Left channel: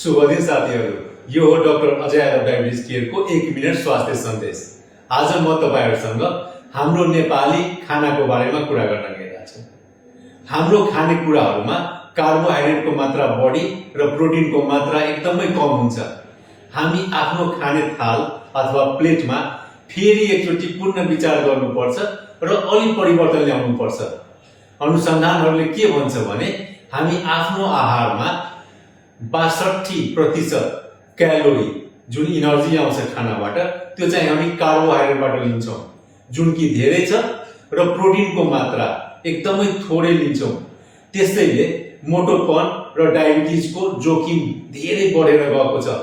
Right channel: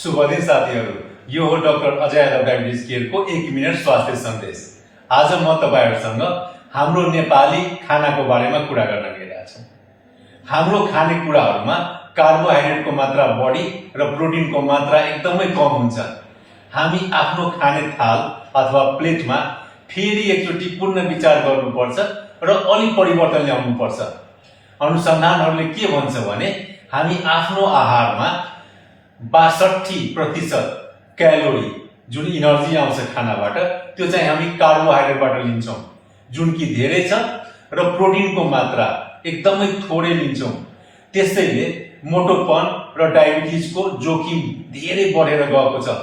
शुभ दिन साथीहरू, यो हो डाक्टर अजय यादव डायबिटिज केयरको 1 मिनट स्वास्थ्य सन्देश। आज म तपाईहरुसँग हाम्रो नेपाली खानाको बारेमा कुरा गर्न गइरहेको छु। हाम्रो खानेकुराहरुमा कार्बोहाइड्रेटको मात्रा बढी र प्रोटिनको मात्रा एकदमै कम हुन्छ। हामी आफ्नो खाने थाल अथवा प्लेटमा फेरि एकचोटि पुनः विचार गर्नुपर्छ र अलि परिवर्तन ल्याउनुपर्छ। अनुसन्धानहरूले के भन्छ भने हामी आफ्नो आहारमा 62% क्यालोरी जुन इनर्जी आउँछ खानाबाट त्यो चाहिँ हामी कार्बोहाइड्रेटबाट लिन्छौं, जुन कि धेरै छ र प्रोटिनको मात्रा एकदमै थोरै लिन्छौं। त्यसैले मोटोपन र डायबिटिजको जोखिम धेरै बढेर गएको छ।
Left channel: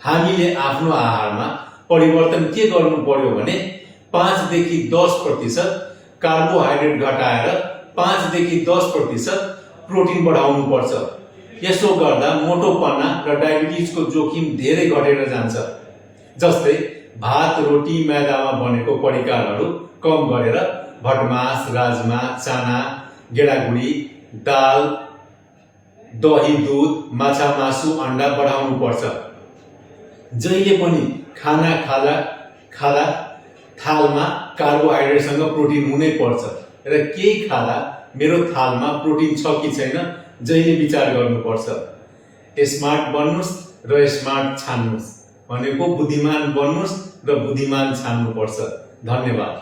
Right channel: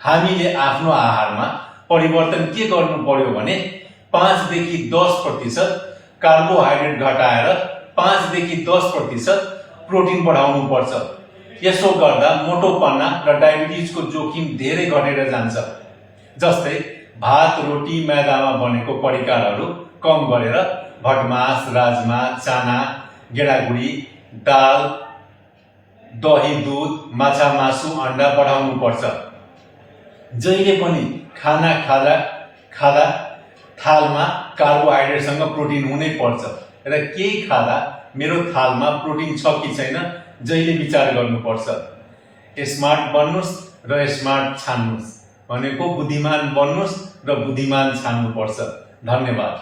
हामीले आफ्नो आहारमा परिवर्तन के गर्नु पर्यो भने 5 देखि 10% कार्बोहाइड्रेट घटाएर 5 देखि 10% प्रोटिन बढाउनु पर्छ। यसो गर्दा मोटोपना र डायबिटिजको जोखिम धेरै घटेर जान्छ। जस्तै भात रोटी मैदामा बनेको परिकारहरू कम गरेर भटमास, राजमा, चाना, गेडागुडी, दाल, दही, दूध, माछा, मासु, अण्डा बढाउनु पर्छ। जहिले पनि खाना खादा थालमा कार्बोहाइड्रेटसँग प्रोटिन हुनै पर्छ र केही खादा मेरो थालमा प्रोटिन छ कि छैन जहिले विचार गर्नुपर्छ। स्मार्ट बन्नुस् र स्मार्ट छान्नुस् भनेको बुद्धिमान बन्नुस् र बुद्धिमान छान्नुपर्छ। धन्यवाद।